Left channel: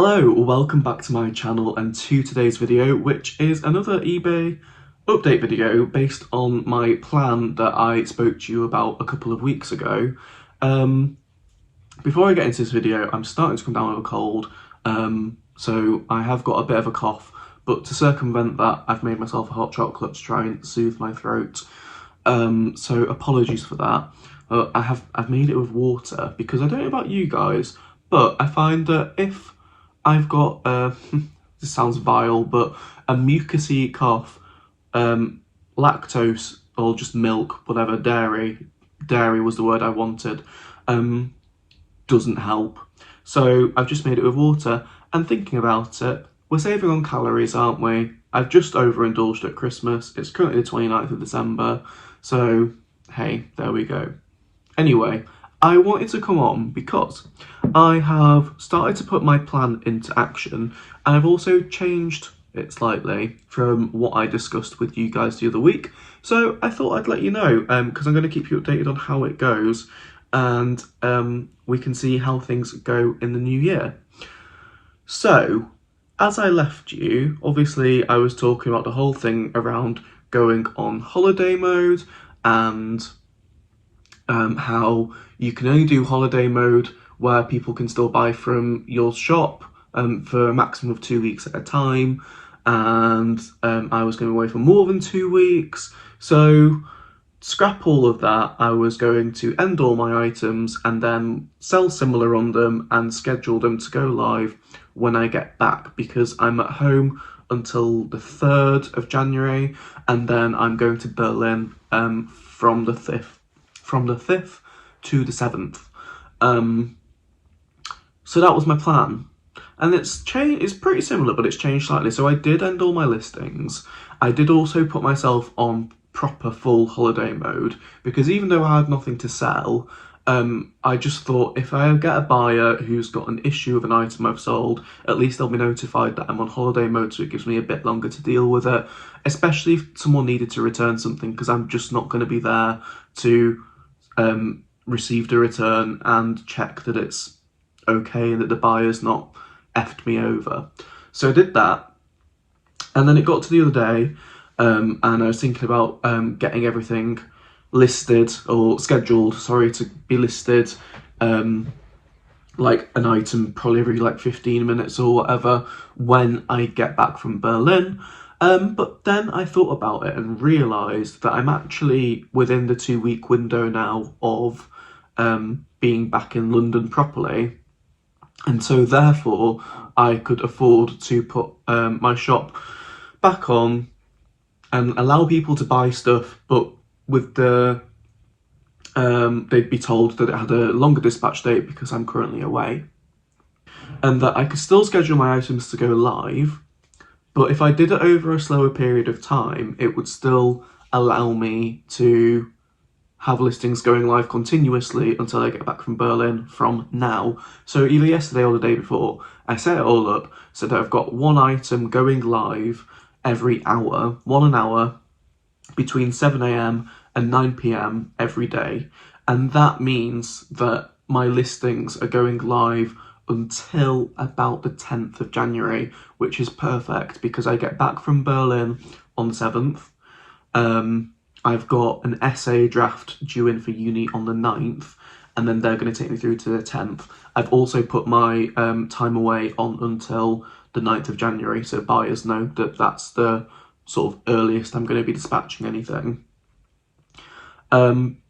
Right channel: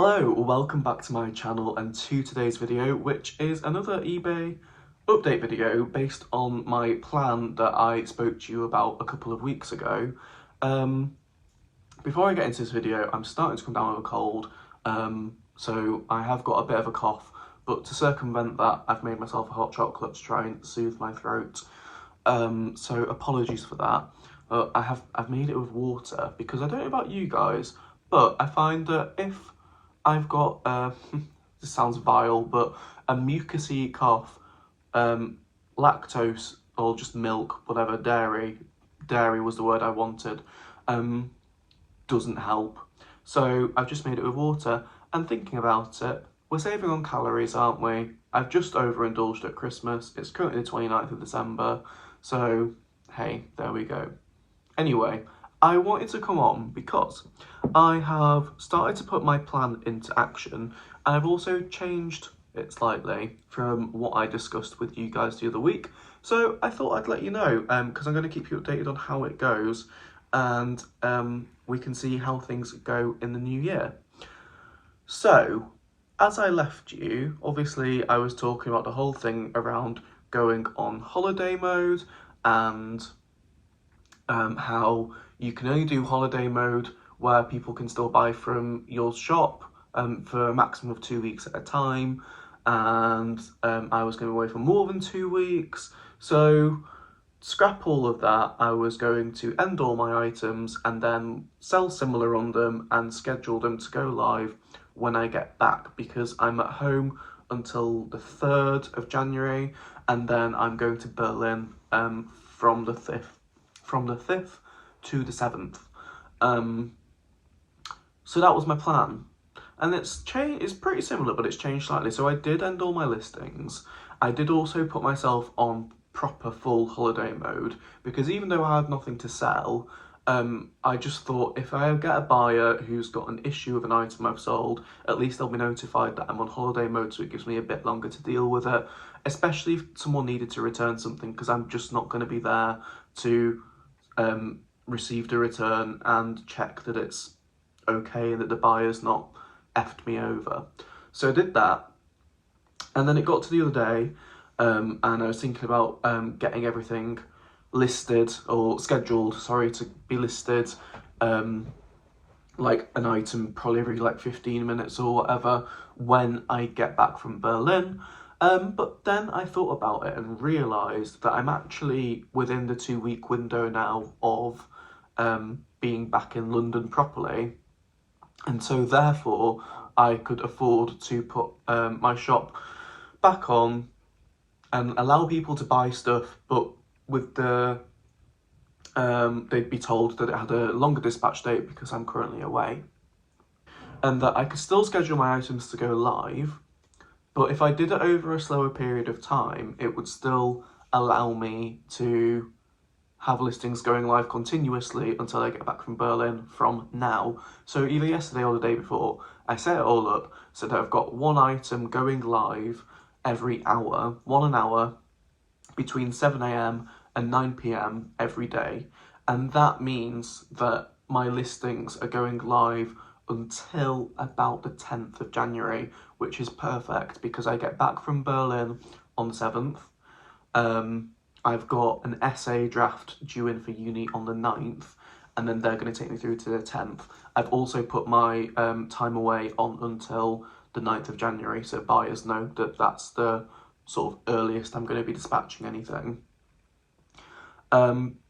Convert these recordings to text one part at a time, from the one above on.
Hello, welcome back to my channel and to today's video, which is another eBay update video based on my plan that I spoke to you about a couple of weeks ago. Before I get into this video, I'm starting to come down with a cold, so I have got a bit of a cough, but to circumvent that, I've made myself a hot chocolate to try and soothe my throat. So apologies for that. I've made it with water because I don't know about you guys, but I find that if I've got, this sounds vile, but a mucousy cough, lactose or just milk, whatever, dairy was the word I wanted, doesn't help. So I've just made it with water, and thinking about it, we're saving on calories, aren't we? I've just overindulged at Christmas. It's currently the 29th of December, so hey, there we go. Anyway, I wanted to come on because I have started to put my plan into action, and I've also changed it slightly from what I discussed with you guys the other week. So I thought I'd let you know, because I'm going to keep you updated on how it goes, and we can see how things go in the new year. So, as I left you, obviously I was talking about the whole thing around going on holiday mode and how you can only do holiday mode where people can still buy from your shop for a maximum of 2 weeks at a time, and I was going away for more than 2 weeks. So scrap all of that. I was going to end all my items and then sell similar on them and schedule them to go live when I get back, because I'm at home until the 3rd of January, and then I'm going to Berlin from the 5th to the 7th. So that was my plan, and it's pretty similar, but it's changed slightly. So I did end all my listings. I did also put myself on proper full holiday mode, because even though I had nothing to sell, I just thought if I get a buyer who's got an issue with an item I've sold, at least they'll be notified that I'm on holiday mode, so it gives me a bit longer to deal with it, especially if someone needed to return something, because I'm just not going to be there to receive the return and check that it's okay and that the buyer's not effed me over. So I did that, and then it got to the other day, and I was thinking about getting everything listed, or scheduled, sorry, to be listed, like an item probably every like 15 minutes or whatever when I get back from Berlin. But then I thought about it and realised that I'm actually within the 2-week window now of being back in London properly, and so therefore I could afford to put my shop back on and allow people to buy stuff, but with the they'd be told that it had a longer dispatch date because I'm currently away, and that I could still schedule my items to go live, but if I did it over a slower period of time, it would still allow me to have listings going live continuously until I get back from Berlin from now. So either yesterday or the day before, I set it all up so that I've got one item going live every hour, 1 hour, between 7 AM and 9 PM every day. And that means that my listings are going live until about the 10th of January, which is perfect because I get back from Berlin on the 7th. I've got an essay draft due in for uni on the 9th, and then they're going to take me through to the 10th. I've also put my time away on until the 9th of January, so buyers know that that's the sort of earliest I'm going to be dispatching anything.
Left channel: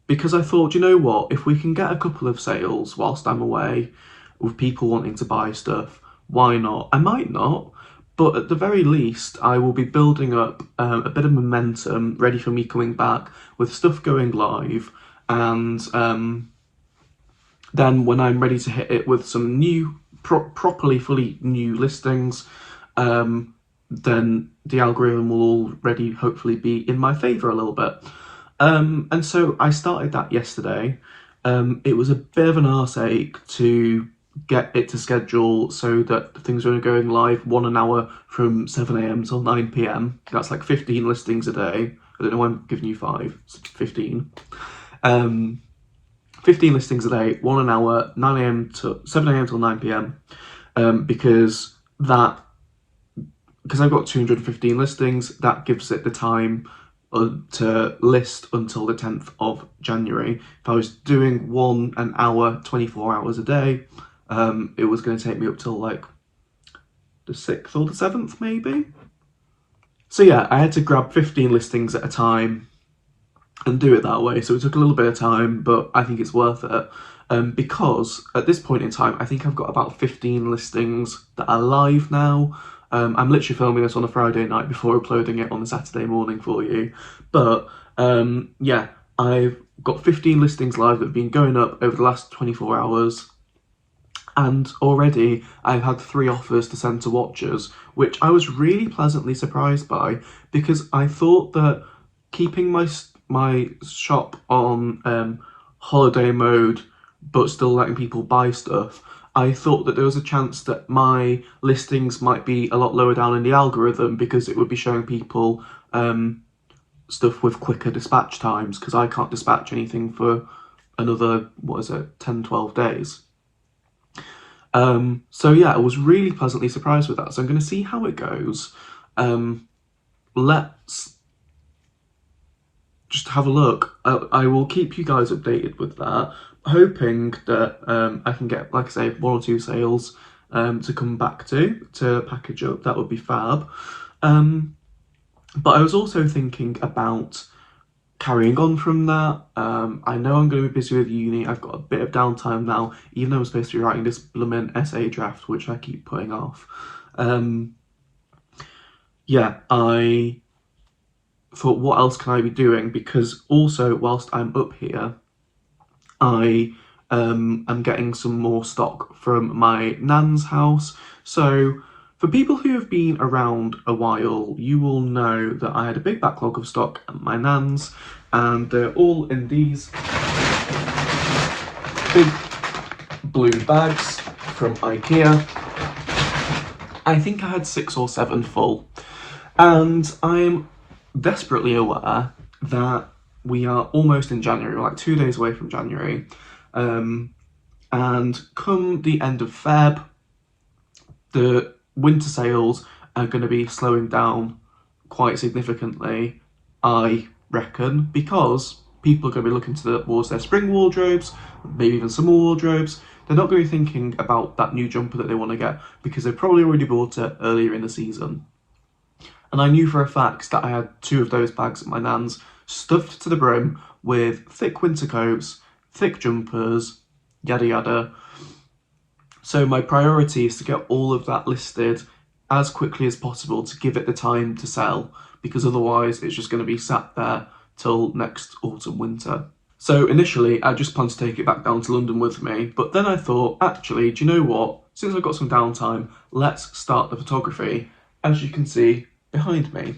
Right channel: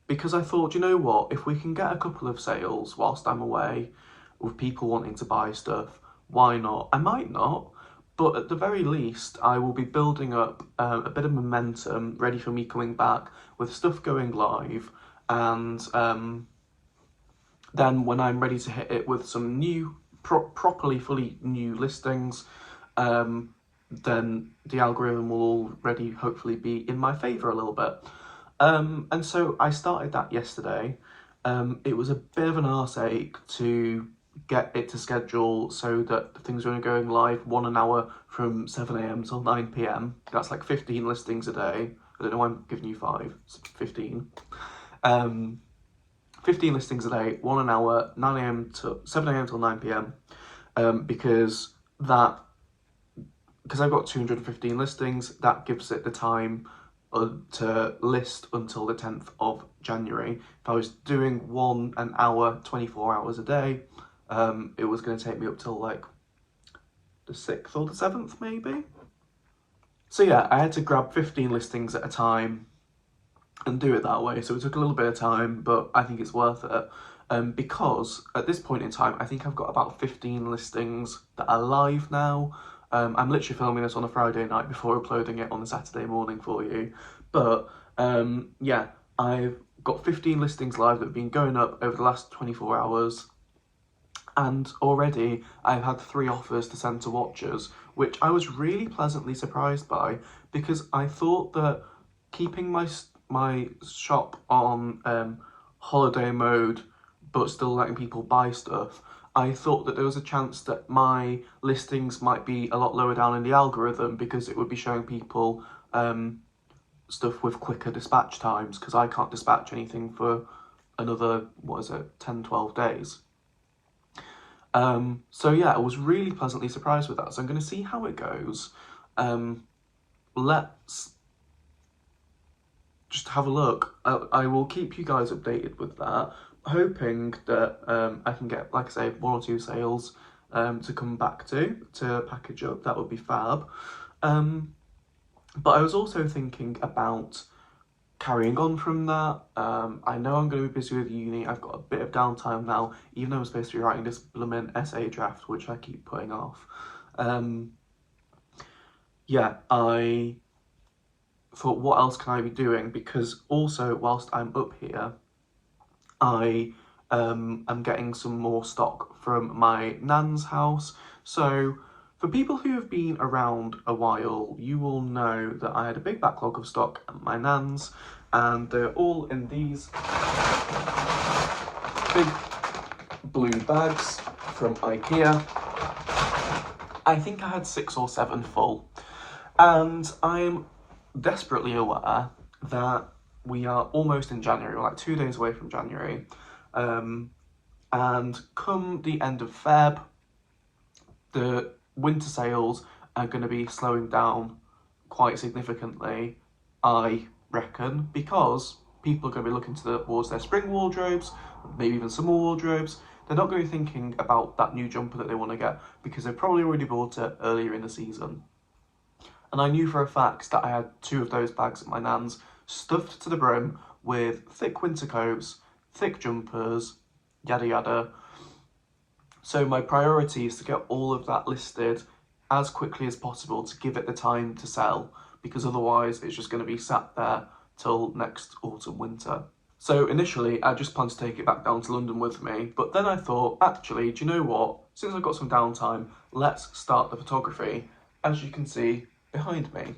Because I thought, you know what, if we can get a couple of sales whilst I'm away with people wanting to buy stuff, why not? I might not, but at the very least, I will be building up a bit of momentum ready for me coming back with stuff going live, and then when I'm ready to hit it with some new, properly fully new listings, then the algorithm will already hopefully be in my favour a little bit. And so I started that yesterday. It was a bit of an arse ache to get it to schedule so that things are going live 1 hour from 7 AM till 9 PM. That's like 15 listings a day. I don't know why I'm giving you 5, it's 15. 15 listings a day, 1 hour, 9 AM to 7 AM till 9 PM. because I've got 215 listings, that gives it the time to list until the 10th of January. If I was doing an hour, 24 hours a day, it was going to take me up till like the 6th or the 7th maybe. So yeah, I had to grab 15 listings at a time and do it that way. So it took a little bit of time, but I think it's worth it. Because at this point in time, I think I've got about 15 listings that are live now. I'm literally filming this on a Friday night before uploading it on a Saturday morning for you. But yeah, I've got 15 listings live that have been going up over the last 24 hours. And already I've had 3 offers to send to watchers, which I was really pleasantly surprised by, because I thought that keeping my shop on holiday mode but still letting people buy stuff, I thought that there was a chance that my listings might be a lot lower down in the algorithm because it would be showing people stuff with quicker dispatch times, because I can't dispatch anything for another, 10, 12 days. So yeah, I was really pleasantly surprised with that. So I'm going to see how it goes. Let's just have a look. I will keep you guys updated with that, hoping that I can get, like I say, 1 or 2 sales to come back to package up. That would be fab. But I was also thinking about carrying on from that. I know I'm going to be busy with uni. I've got a bit of downtime now, even though I'm supposed to be writing this blooming essay draft, which I keep putting off. Yeah, I thought, what else can I be doing? Because also, whilst I'm up here, I am getting some more stock from my nan's house. So for people who have been around a while, you will know that I had a big backlog of stock at my nan's, and they're all in these big blue bags from IKEA. I think I had 6 or 7 full, and I'm desperately aware that we are almost in January, we're like 2 days away from January, and come the end of Feb, the winter sales are going to be slowing down quite significantly, I reckon, because people are going to be looking towards their spring wardrobes, maybe even summer wardrobes. They're not going to be thinking about that new jumper that they want to get because they've probably already bought it earlier in the season. And I knew for a fact that I had 2 of those bags at my nan's, stuffed to the brim with thick winter coats, thick jumpers, yada yada. So my priority is to get all of that listed as quickly as possible to give it the time to sell, because otherwise it's just going to be sat there till next autumn, winter. So initially I just planned to take it back down to London with me, but then I thought, actually, do you know what? Since I've got some downtime, let's start the photography, as you can see behind me.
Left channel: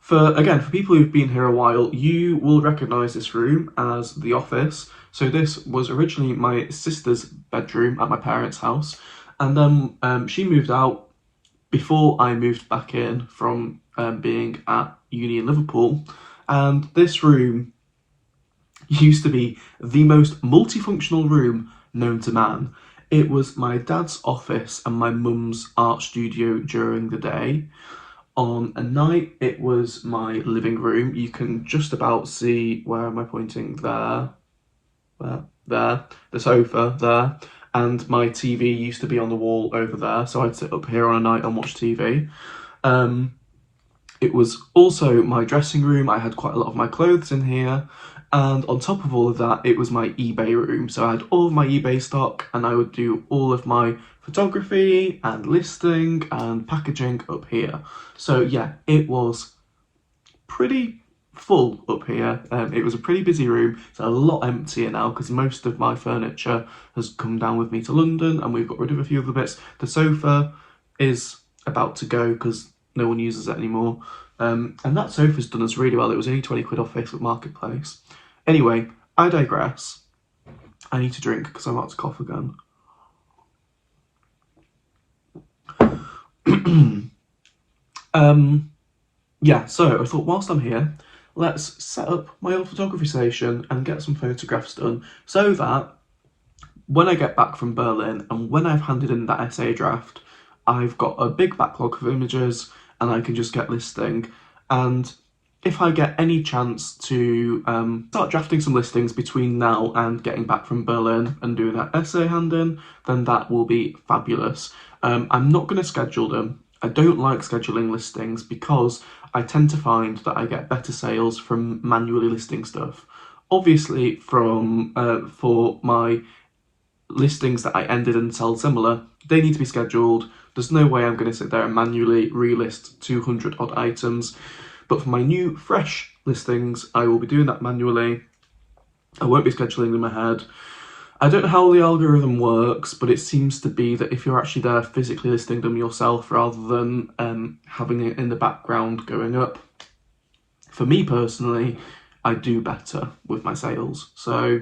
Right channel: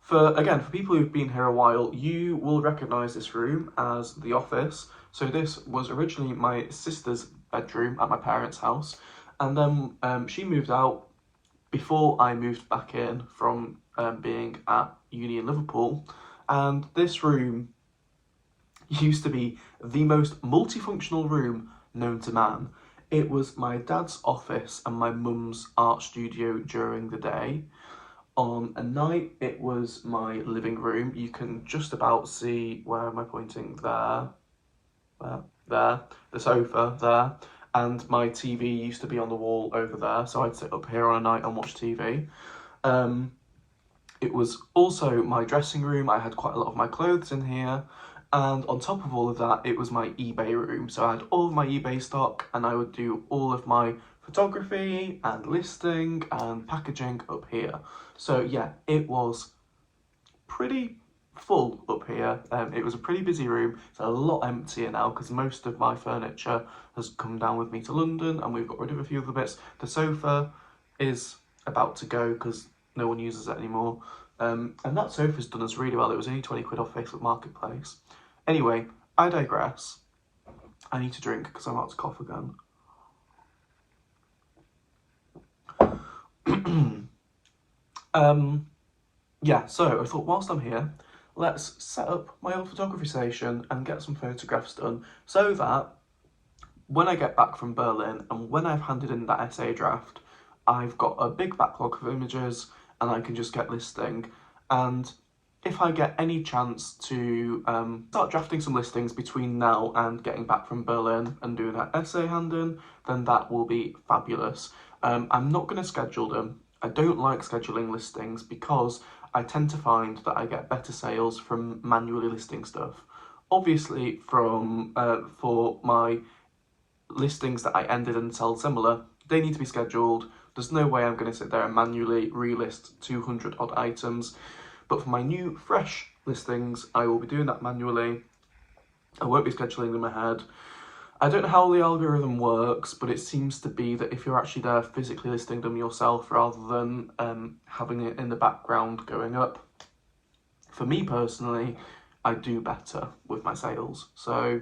For people who've been here a while, you will recognise this room as the office. So this was originally my sister's bedroom at my parents' house, and then she moved out before I moved back in from being at uni in Liverpool, and this room used to be the most multifunctional room known to man. It was my dad's office and my mum's art studio during the day. On a night, it was my living room. You can just about see, where am I pointing? There, the sofa there. And my TV used to be on the wall over there, so I'd sit up here on a night and watch TV. It was also my dressing room. I had quite a lot of my clothes in here. And on top of all of that, it was my eBay room. So I had all of my eBay stock, and I would do all of my photography and listing and packaging up here. So yeah, it was pretty full up here. It was a pretty busy room. It's a lot emptier now because most of my furniture has come down with me to London and we've got rid of a few of the bits. The sofa is about to go because no one uses it anymore. And that sofa's done us really well. It was only 20 quid off Facebook Marketplace. Anyway, I digress. I need to drink because I'm about to cough again. Yeah, so I thought whilst I'm here, let's set up my old photography station and get some photographs done so that when I get back from Berlin and when I've handed in that essay draft, I've got a big backlog of images and I can just get listing. And if I get any chance to start drafting some listings between now and getting back from Berlin and doing that essay hand-in, then that will be fabulous. I'm not going to schedule them. I don't like scheduling listings because I tend to find that I get better sales from manually listing stuff. Obviously, for my listings that I ended and sold similar, they need to be scheduled. There's no way I'm going to sit there and manually relist 200 odd items. But for my new, fresh listings, I will be doing that manually. I won't be scheduling them ahead. I don't know how the algorithm works, but it seems to be that if you're actually there physically listing them yourself rather than having it in the background going up, for me personally, I do better with my sales. So,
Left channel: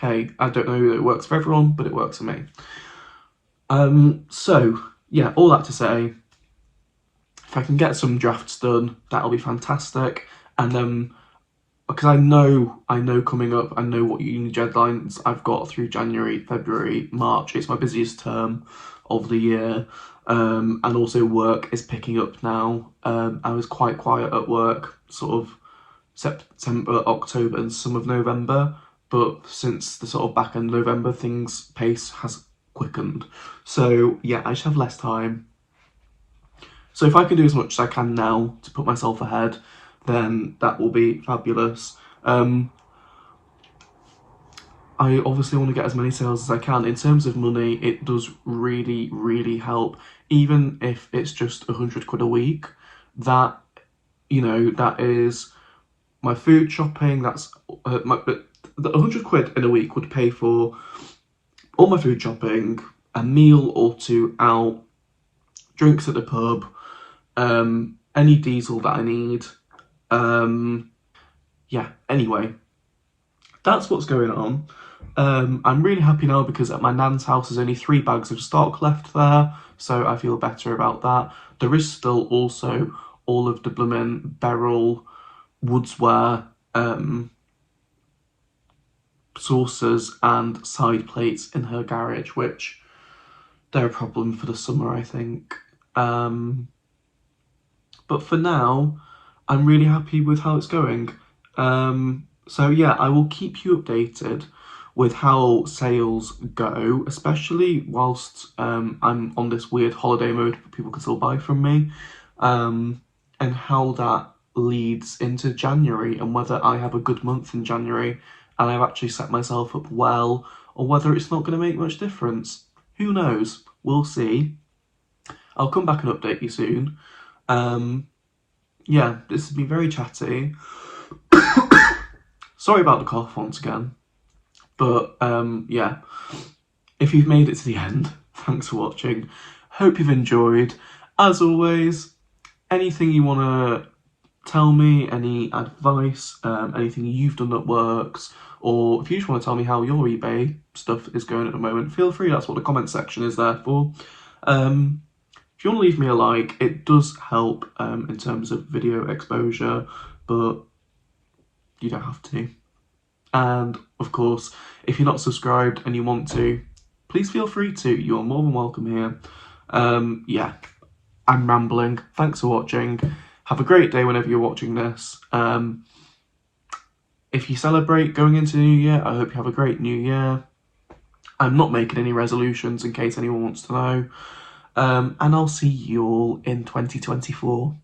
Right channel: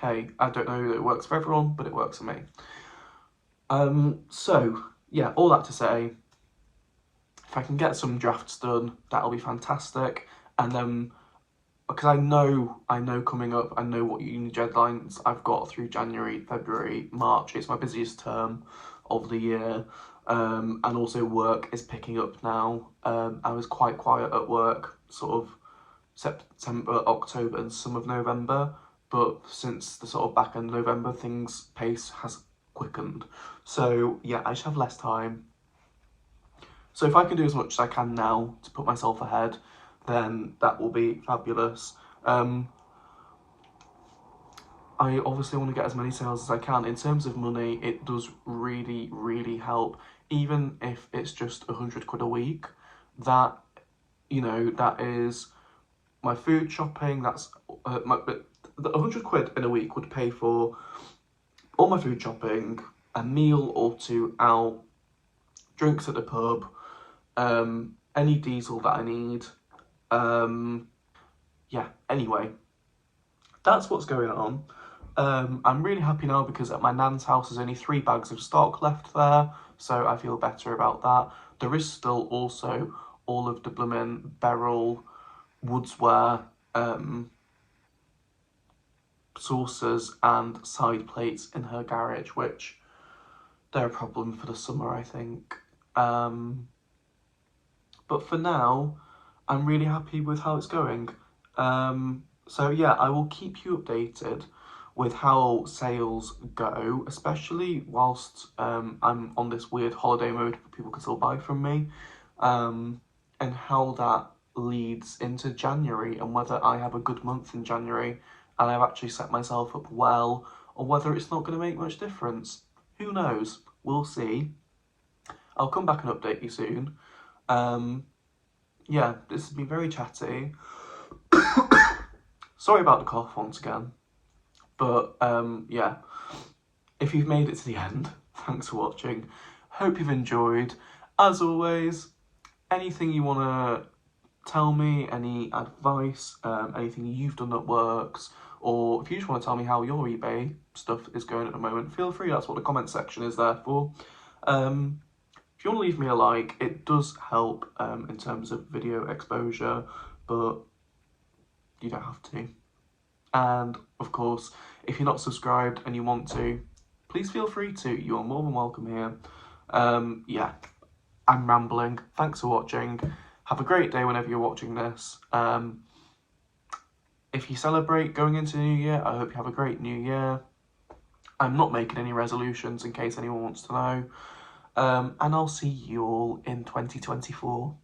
hey, I don't know that it works for everyone, but it works for me. So, yeah, all that to say, if I can get some drafts done, that'll be fantastic. And then, because I know coming up, I know what uni deadlines I've got through January, February, March. It's my busiest term of the year. And also work is picking up now. I was quite quiet at work, sort of September, October and some of November. But since the sort of back end of November, pace has quickened. So yeah, I just have less time. So if I can do as much as I can now to put myself ahead, then that will be fabulous. I obviously want to get as many sales as I can. In terms of money, it does really, really help. Even if it's just 100 quid a week, that, that is my food shopping, that's the 100 quid in a week would pay for all my food shopping, a meal or two out, drinks at the pub, any diesel that I need. Yeah, anyway, that's what's going on. I'm really happy now because at my nan's house there's only 3 bags of stock left there, so I feel better about that. There is still also all of the bloomin' Beryl woodsware saucers and side plates in her garage, which they're a problem for the summer, I think. But for now, I'm really happy with how it's going. So yeah, I will keep you updated with how sales go, especially whilst I'm on this weird holiday mode where people can still buy from me, and how that leads into January and whether I have a good month in January and I've actually set myself up well, or whether it's not going to make much difference. Who knows? We'll see. I'll come back and update you soon. Yeah, this has been very chatty. Sorry about the cough once again. But yeah, if you've made it to the end, thanks for watching. Hope you've enjoyed. As always, anything you want to tell me, any advice, anything you've done that works, or if you just want to tell me how your eBay stuff is going at the moment, feel free. That's what the comment section is there for. If you want to leave me a like, it does help in terms of video exposure, but you don't have to. And of course, if you're not subscribed and you want to, please feel free to. You're more than welcome here. Yeah, I'm rambling. Thanks for watching. Have a great day whenever you're watching this. If you celebrate going into the new year, I hope you have a great new year. I'm not making any resolutions in case anyone wants to know. And I'll see you all in 2024.